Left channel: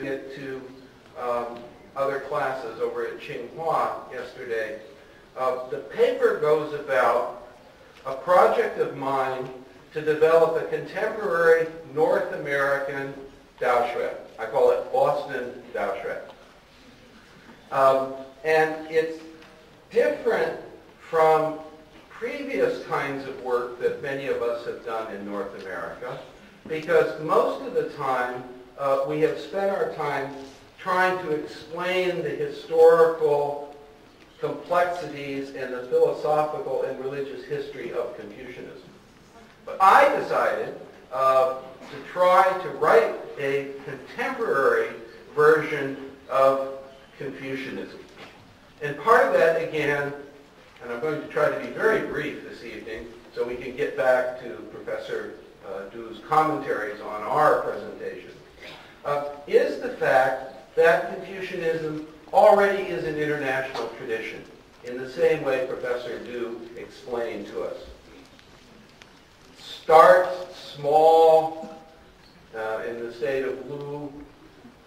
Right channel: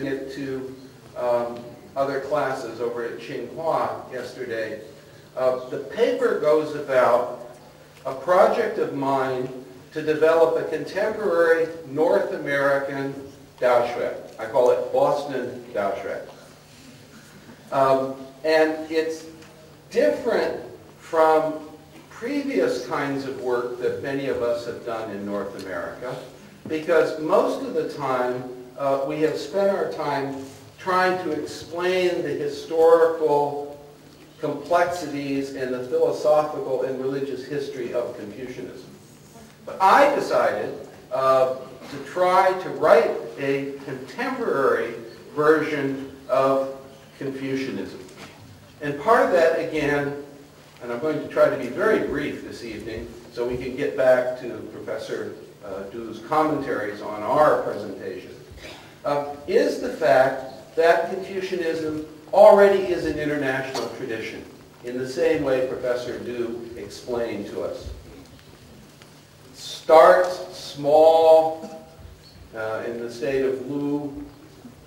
it to other classes over at Tsinghua yesterday. The paper goes about a project of mine to develop a contemporary North American Daoxue. I call it Boston Daoxue. And it's different from previous kinds of work that many of us have done in North America, because most of the time we have spent our time trying to explain the historical complexities and the philosophical and religious history of Confucianism. But I decided to try to write a contemporary version of Confucianism. And part of that, again, and I'm going to try to be very brief this evening so we can get back to Professor Du's commentaries on our presentation, is the fact that Confucianism already is an international tradition in the same way Professor Du explained to us. It starts small in the state of Lu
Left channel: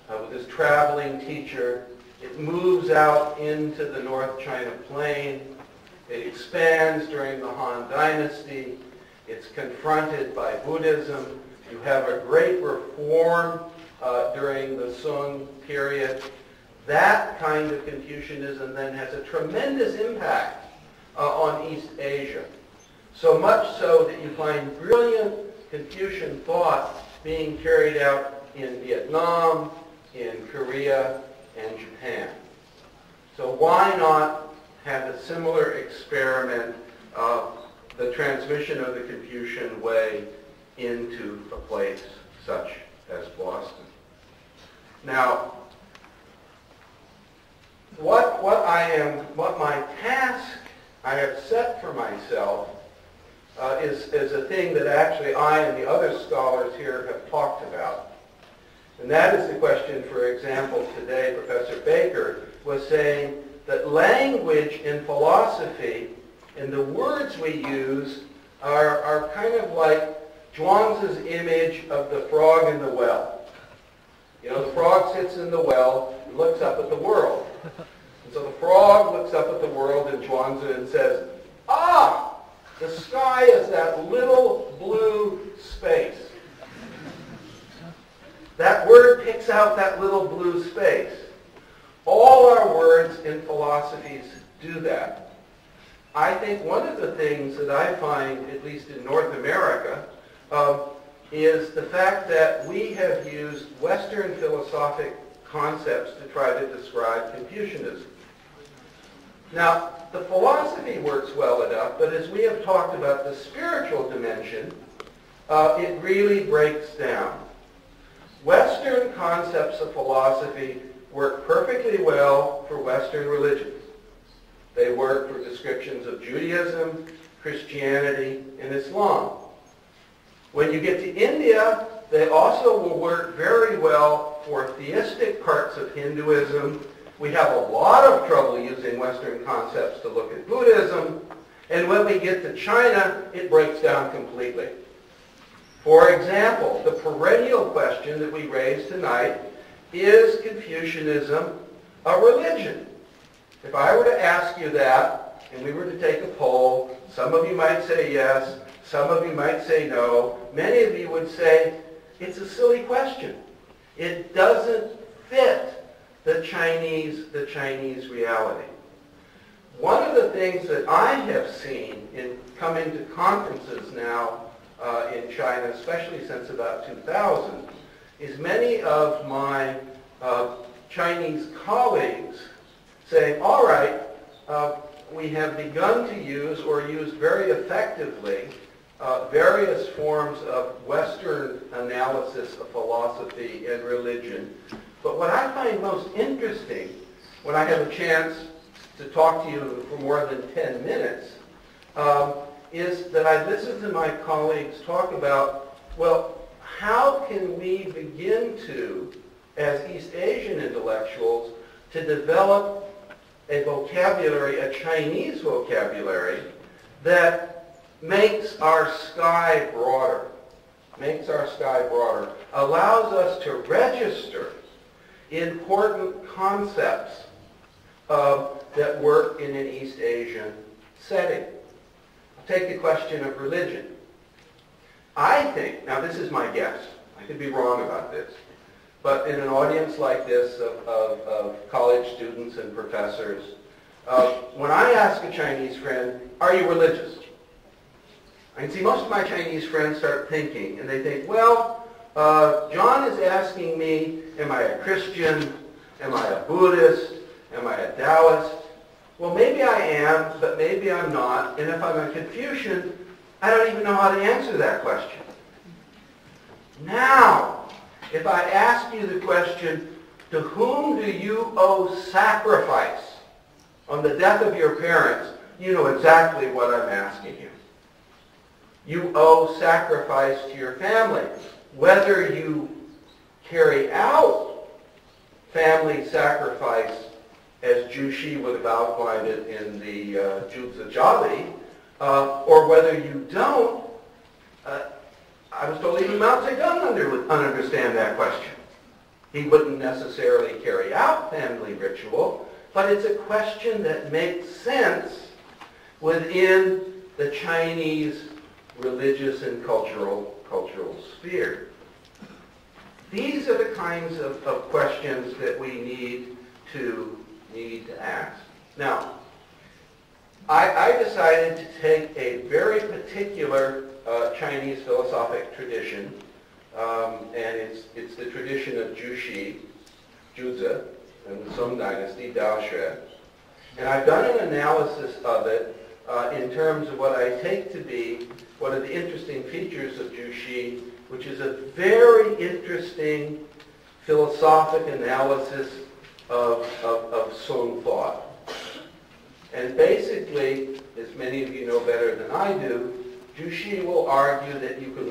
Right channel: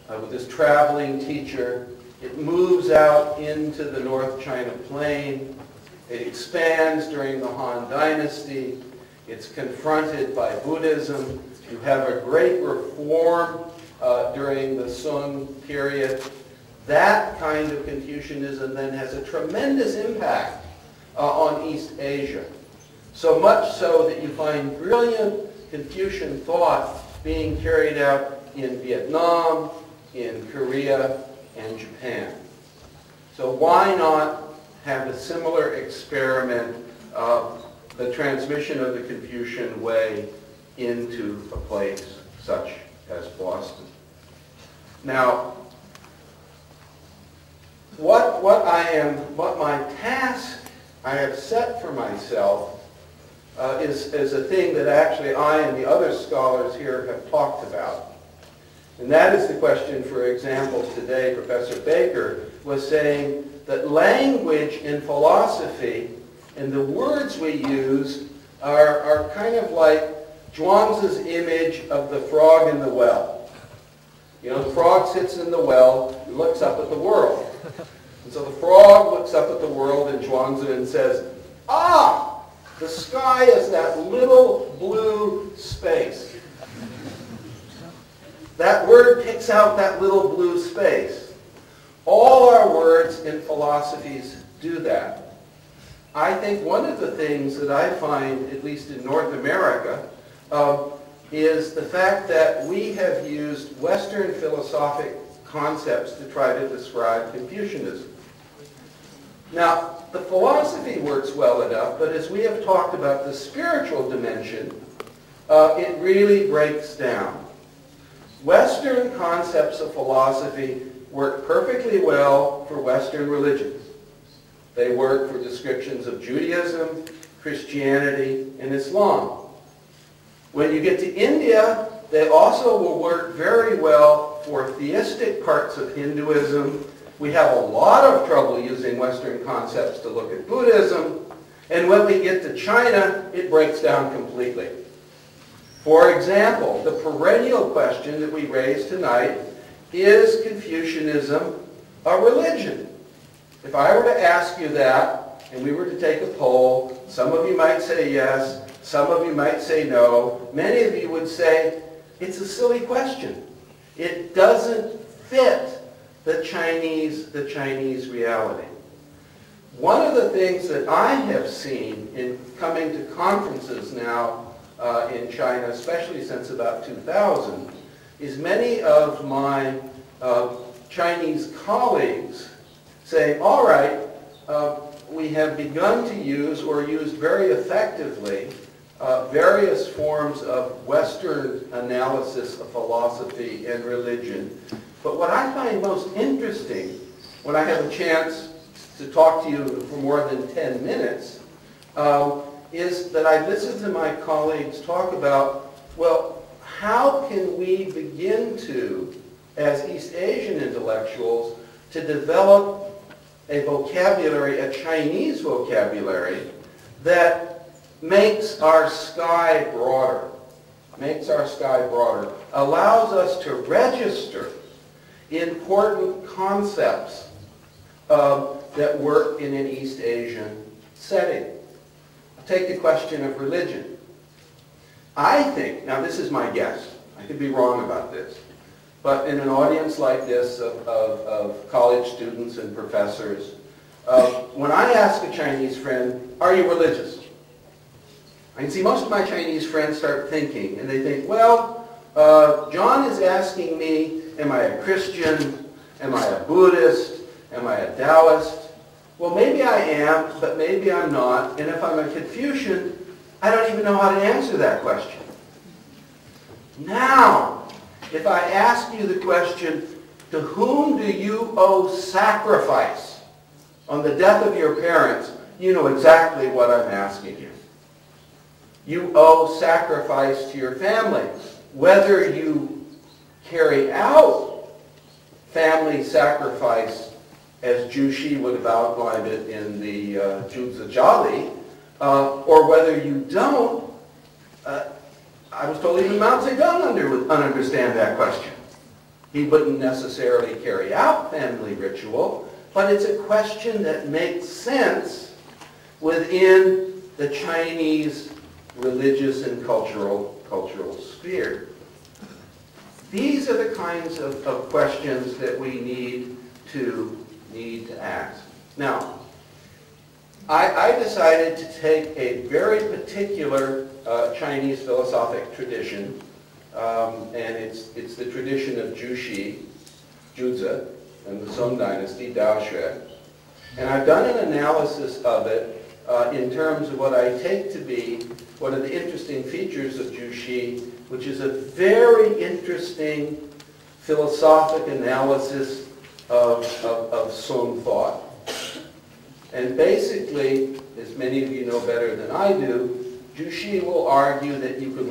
with this traveling teacher. It moves out into the North China Plain. It expands during the Han Dynasty. It's confronted by Buddhism. You have a great reform during the Sung period. That kind of Confucianism then has a tremendous impact on East Asia. So much so that you find brilliant Confucian thought being carried out in Vietnam, in Korea, and Japan. So why not have a similar experiment of the transmission of the Confucian way into a place such as Boston? Now, what my task I have set for myself is a thing that actually I and the other scholars here have talked about. And that is the question, for example, today Professor Baker was saying that language in philosophy and the words we use are kind of like Zhuangzi's image of the frog in the well. You know, the frog sits in the well and looks up at the world. And so the frog looks up at the world in Zhuangzi and says, "Ah, the sky is that little blue space." That word picks out that little blue space. All our words in philosophies do that. I think one of the things that I find, at least in North America, is the fact that we have used Western philosophic concepts to try to describe Confucianism. Now, the philosophy works well enough, but as we have talked about the spiritual dimension, it really breaks down. Western concepts of philosophy work perfectly well for Western religions. They work for descriptions of Judaism, Christianity, and Islam. When you get to India, they also will work very well for theistic parts of Hinduism. We have a lot of trouble using Western concepts to look at Buddhism. And when we get to China, it breaks down completely. For example, the perennial question that we raised tonight, is Confucianism a religion? If I were to ask you that, and we were to take a poll, some of you might say yes, some of you might say no. Many of you would say, it's a silly question. It doesn't fit the Chinese reality. One of the things that I have seen in coming to conferences now in China, especially since about 2000, is many of my Chinese colleagues saying, all right, we have begun to use or used very effectively various forms of Western analysis of philosophy and religion. But what I find most interesting when I have a chance to talk to you for more than 10 minutes is that I listen to my colleagues talk about, well, how can we begin to, as East Asian intellectuals, to develop a vocabulary, a Chinese vocabulary, that makes our sky broader, allows us to register important concepts that work in an East Asian setting. I'll take the question of religion. I think, now this is my guess, I could be wrong about this, but in an audience like this of college students and professors, when I ask a Chinese friend, are you religious? I can see most of my Chinese friends start thinking, and they think, well, John is asking me, am I a Christian? Am I a Buddhist? Am I a Taoist? Well, maybe I am, but maybe I'm not. And if I'm a Confucian, I don't even know how to answer that question. Now, if I ask you the question, to whom do you owe sacrifice on the death of your parents, you know exactly what I'm asking you. You owe sacrifice to your family. Whether you carry out family sacrifice as Zhu Xi would have outlined it in the Zhu Zhali, or whether you don't, I was told even Mao Zedong would understand that question. He wouldn't necessarily carry out family ritual, but it's a question that makes sense within the Chinese religious and cultural sphere. These are the kinds of questions that we need to ask. Now, I decided to take a very particular Chinese philosophic tradition, and it's the tradition of Zhu Xi, Zhuzi, and the Song Dynasty, Dao Xue. And I've done an analysis of it in terms of what I take to be one of the interesting features of Zhu Xi, which is a very interesting philosophic analysis of Song thought. And basically, as many of you know better than I do, Zhu Xi will argue that you can